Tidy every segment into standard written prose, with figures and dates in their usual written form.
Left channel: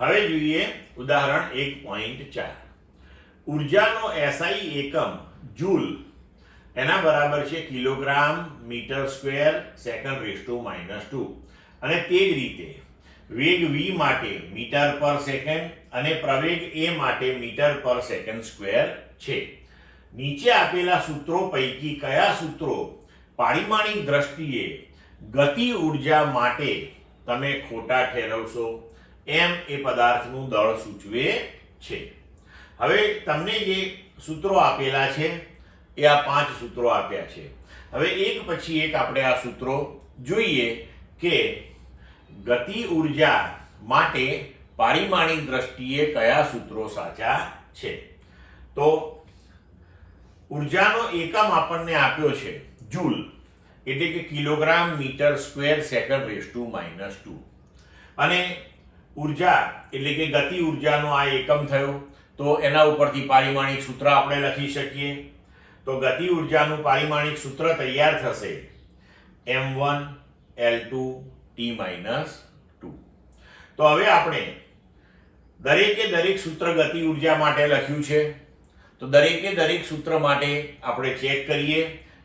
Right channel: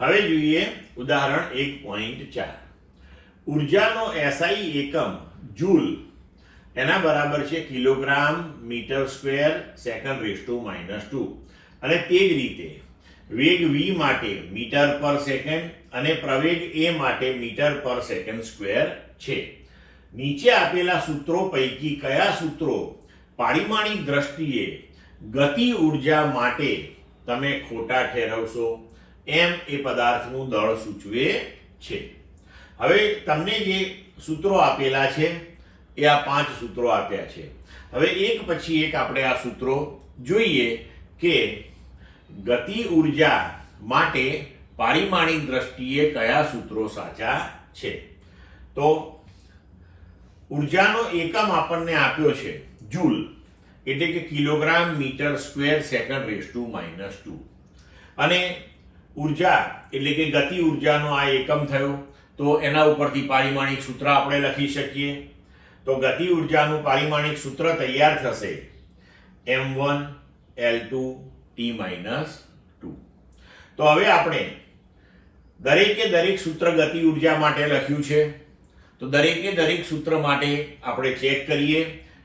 હવે જોઈએ ઉદાહરણ 1.4. ઉર્જાનો SI એકમ જૂલ એના બરાબર છે કિલોગ્રામ મીટર સ્ક્વેર સેકન્ડ રેસ્ટુ -2 અને તે જ રીતે વેગ v માટે મીટર પર સેકન્ડ અને પ્રવેગ a માટે મીટર પર સેકન્ડ સ્ક્વેર છે. નીચે આપેલા સૂત્રો પૈકી કયા સૂત્રો પારિમાણિક દ્રષ્ટિએ ગતિ ઉર્જા માટે તમે ખોટા ઠેરવશો? એમ એ પદાર્થનું દળ સૂચવે છે. હવે તમને જે સૂત્રો આપેલા છે એ આ 5 સૂત્રો આપ્યા છે. હવે એક પછી એક આપણે આ સૂત્રો જોઈએ કે ગતિ ઉર્જા માટે પારિમાણિક દ્રષ્ટિએ કયા સૂત્રો સાચા છે. તો ઉર્જાનો એકમ આપણને આપ્યો છે જૂલ, એટલે કે કિલોગ્રામ મીટર સ્ક્વેર સેકન્ડ રેસ્ટુ -2 અને ઉર્જા એટલે કે ગતિ ઉર્જાનો આ એકમ થયો. તો એના ઉપરથી પારિમાણિક સૂત્ર આપણે લખી શકીએ. તો ગતિ ઉર્જાનું પારિમાણિક સૂત્ર તૈયાર થશે m1L2T-2. તો હવે આપણે દરેકે દરેક સૂત્ર ગતિ ઉર્જા માટે લખ્યું છે. તો દરેકે દરેક સૂત્ર માટે આપણે ચેક કરીએ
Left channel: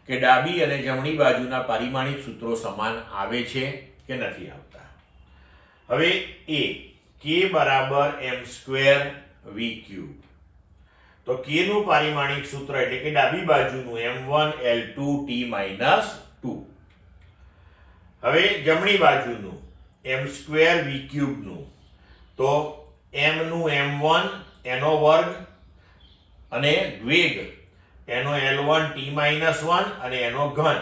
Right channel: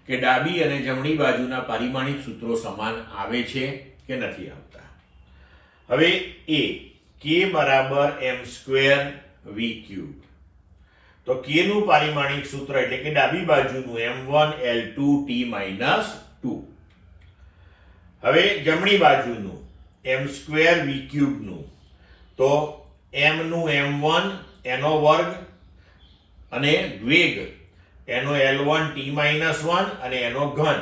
કે ડાબી અને જમણી બાજુના પારિમાણિક સૂત્રો સમાન આવે છે કે નથી આવતા. હવે a k બરાબર m²v³. તો k નું પારિમાણિક સૂત્ર એટલે કે ડાબી બાજુનું m1L2T-2. હવે જમણી બાજુનું m²v³ નું તો m નું m1 એનો વર્ગ અને વેગ એનો L1T-1 અને એનો ઘન.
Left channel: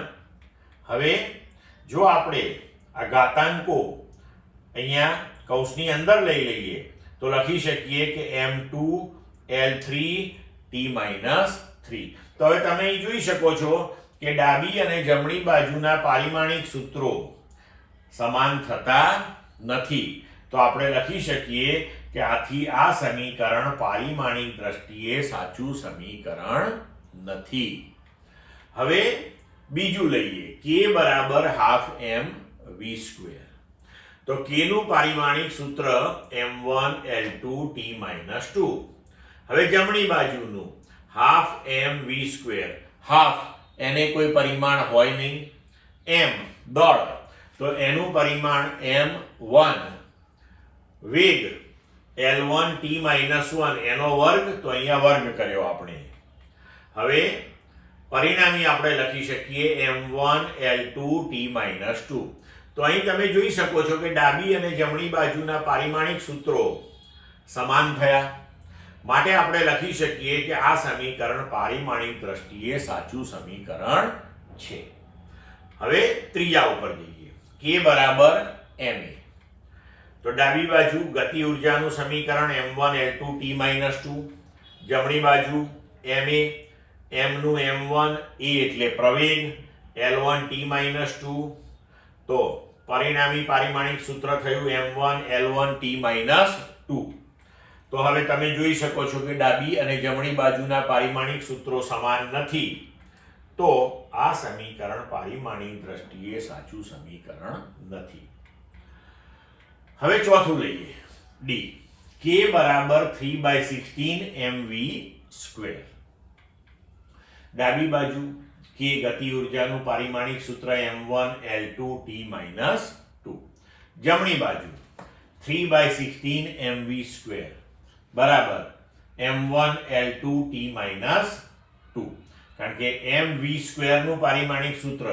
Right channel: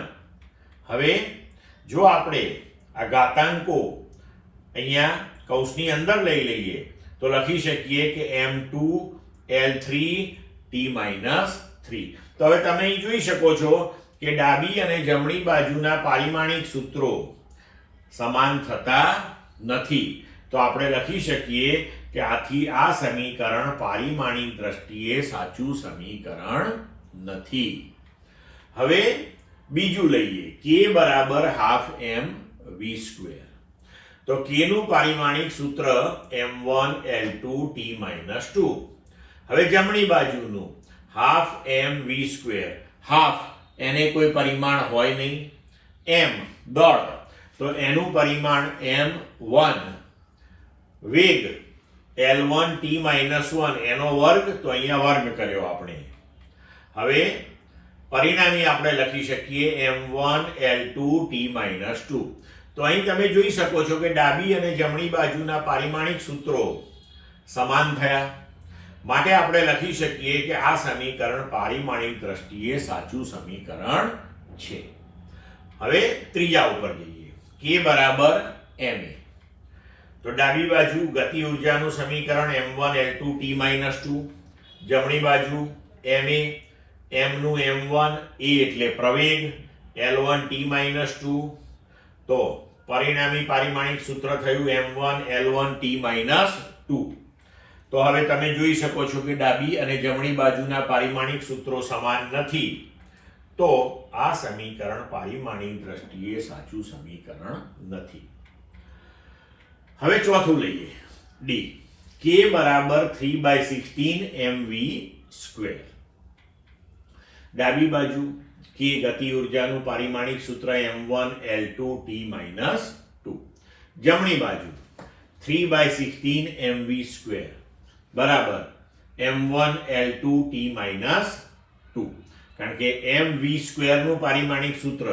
હવે જો આપણે આ ઘાતાંકો અહીંયા કૌંસની અંદર લઈ લઈએ તો લખી શકીએ કે m2L3T-3. તો હવે તમે અહીં જોઈ શકો છો કે ડાબી અને જમણી બાજુના પારિમાણિક સૂત્રો સમાન થતા નથી. તો આપણે લખી શકીએ કે આથી આ સમીકરણ પારિમાણિક દ્રષ્ટિએ સાચું સમીકરણ નથી. હવે બીજું લઈએ k બરાબર ½ mv². તો k નું પારિમાણિક સૂત્ર m1L2T-2. હવે જમણી બાજુનું ½ mv². હાફ એને કોઈ પરિમાણ હોય નહીં. m દળ તો એનું પરિમાણ m1, વેગ L1T-1 એનો વર્ગ તો અહીંયા વર્ગ કર્યો આપણે. હવે પરિણામી આપણે લખી શકીએ m1L2T-2. તો અહીં તમે જોઈ શકો છો કે ડાબી અને જમણી બાજુના પારિમાણિક સૂત્રો સમાન થયા. માટે આપણે લખી શકીએ કે આ સમીકરણ પારિમાણિક દ્રષ્ટિએ સાચું સમીકરણ છે. હવે ત્રીજા ઉપર જઈએ. k બરાબર ma. તો ડાબી બાજુ ગતિ ઉર્જાનું સમીકરણ m1L2T-2, જમણી બાજુ ma, m નું m1 એ એટલે પ્રવેગ L1T-2. તો પરિણામી પારિમાણિક સૂત્ર થયું m1L1T-2. તો હવે તમે જોઈ શકો છો કે ડાબી અને જમણી બાજુના પારિમાણિક સૂત્રો સમાન નથી. તો આ સમીકરણ પારિમાણિક દ્રષ્ટિએ સાચું સમીકરણ નથી. હવે ચોથું લઈએ d. k બરાબર 3/16 mv². ડાબી બાજુ k ગતિ ઉર્જાનું પારિમાણિક સૂત્ર m1L2T-2. જમણી બાજુ 3/16 mv² બરાબર m1L2T-2. કારણ કે mv² નું પારિમાણિક સૂત્ર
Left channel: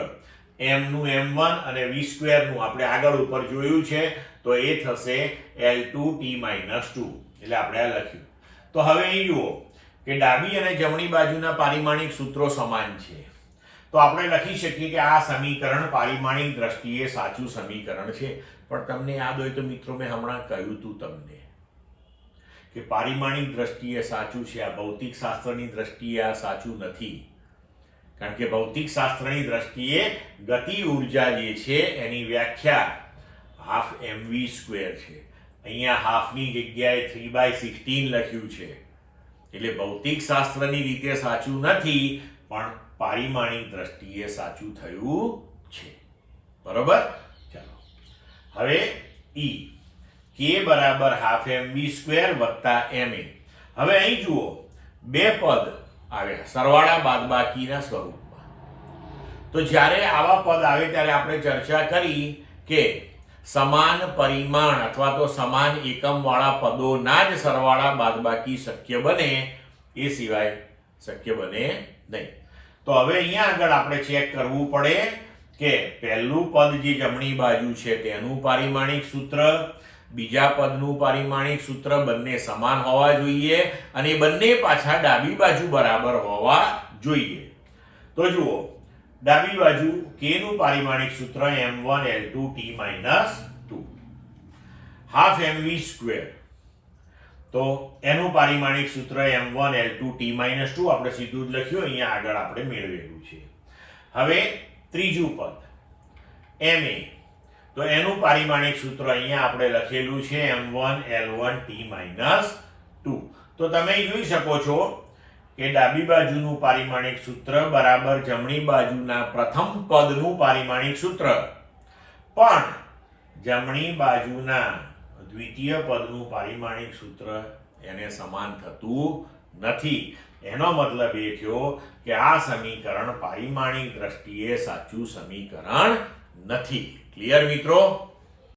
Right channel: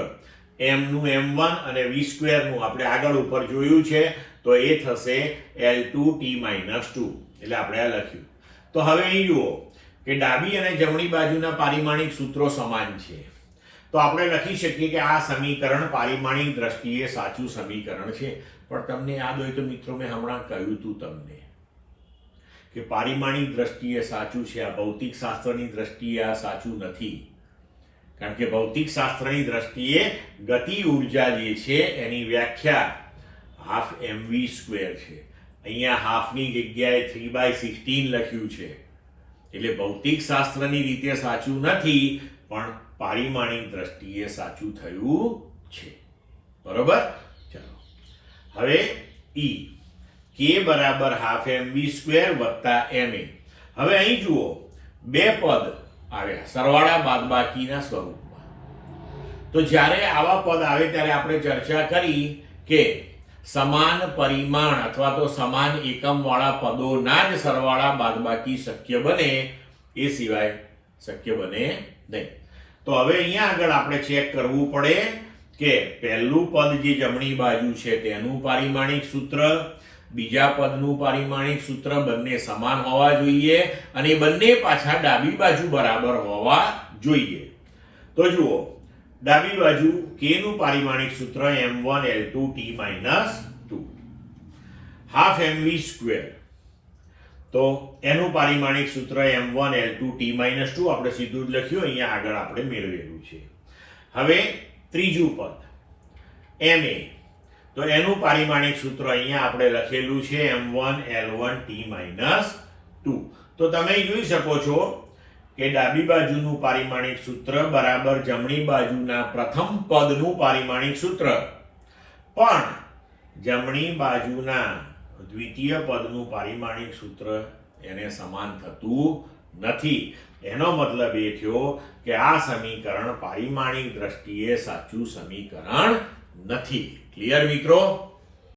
m નું m1 અને v² નું આપણે આગળ ઉપર જોયું છે તો એ થશે L2T-2. એટલે આપણે આ લખ્યું. તો હવે અહીં જુઓ કે ડાબી અને જમણી બાજુના પારિમાણિક સૂત્રો સમાન છે. તો આપણે લખી શકીએ કે આ સમીકરણ પારિમાણિક દ્રષ્ટિએ સાચું સમીકરણ છે. પણ તમને યાદ હોય તો મિત્રો મેં હમણાં કહ્યું હતું તમને કે પારિમાણિક દ્રષ્ટિએ સાચું છે, આ ભૌતિક શાસ્ત્રની દ્રષ્ટિએ આ સાચું નથી. કારણ કે ભૌતિક શાસ્ત્રની દ્રષ્ટિએ ગતિ ઉર્જા જે છે એની વ્યાખ્યા ½ mv² છે. અહીંયા હાફની જગ્યાએ 3/16 લખ્યું છે. એટલે ભૌતિક શાસ્ત્રની રીતે સાચું નથી, પણ પારિમાણિક દ્રષ્ટિએ સાચું થયું છે. બરોબર? ચાલો હવે e. k બરાબર હાફ mv સ્ક્વેર વત્તા ma. હવે અહીં જુઓ બે પદ આવ્યા સરવાળા બાદબાકીના સ્વરૂપમાં. તો જ્યારે આવા પદ આવે ત્યારે આપણે ચર્ચા કરી કે સમાન પરિમાણ અથવા તો સમાન એકમ વાળા પદોના જ સરવાળા બાદબાકી શક્ય બને, એ સિવાય શક્ય બને નહીં. તો હવે અહીંયા આગળ આપણે ચેક કરવું પડે કે પહેલું પદ જે જમણી બાજુ છે તેનું પારિમાણિક સૂત્ર, બીજા પદનું પારિમાણિક સૂત્ર બંને સમાન હોવા જોઈએ અને બંને પાછા ડાબી બાજુ બરાબર હોવા જોઈએ. તો જુઓ ડાબી બાજુ k નું પારિમાણિક સૂત્ર m1 L2 t - 2 half mv square, તો એનું પારિમાણિક સૂત્ર m1 L2 t - 2 આપણે સીધું જ લખ્યું, અહીંયા આગળ આપણે મેળવેલું છે. હવે ત્રીજું પદ ma, તો એનું પારિમાણિક સૂત્ર અહીંયા આપણે લખેલું છે m1 L1 t - 2. તો તમે જોઈ શકો છો કે ડાબી બાજુનું પારિમાણિક સૂત્ર બરાબર જમણી બાજુના પ્રથમ પદનું પારિમાણિક સૂત્ર, પણ જમણી બાજુના દ્વિતીય પદનું પારિમાણિક સૂત્ર એને સમાન થતું નથી. એનો મતલબ એ થયો કે આ સમીકરણ પારિમાણિક દ્રષ્ટિએ સાચું સમીકરણ નથી. ક્લિયર મિત્રો?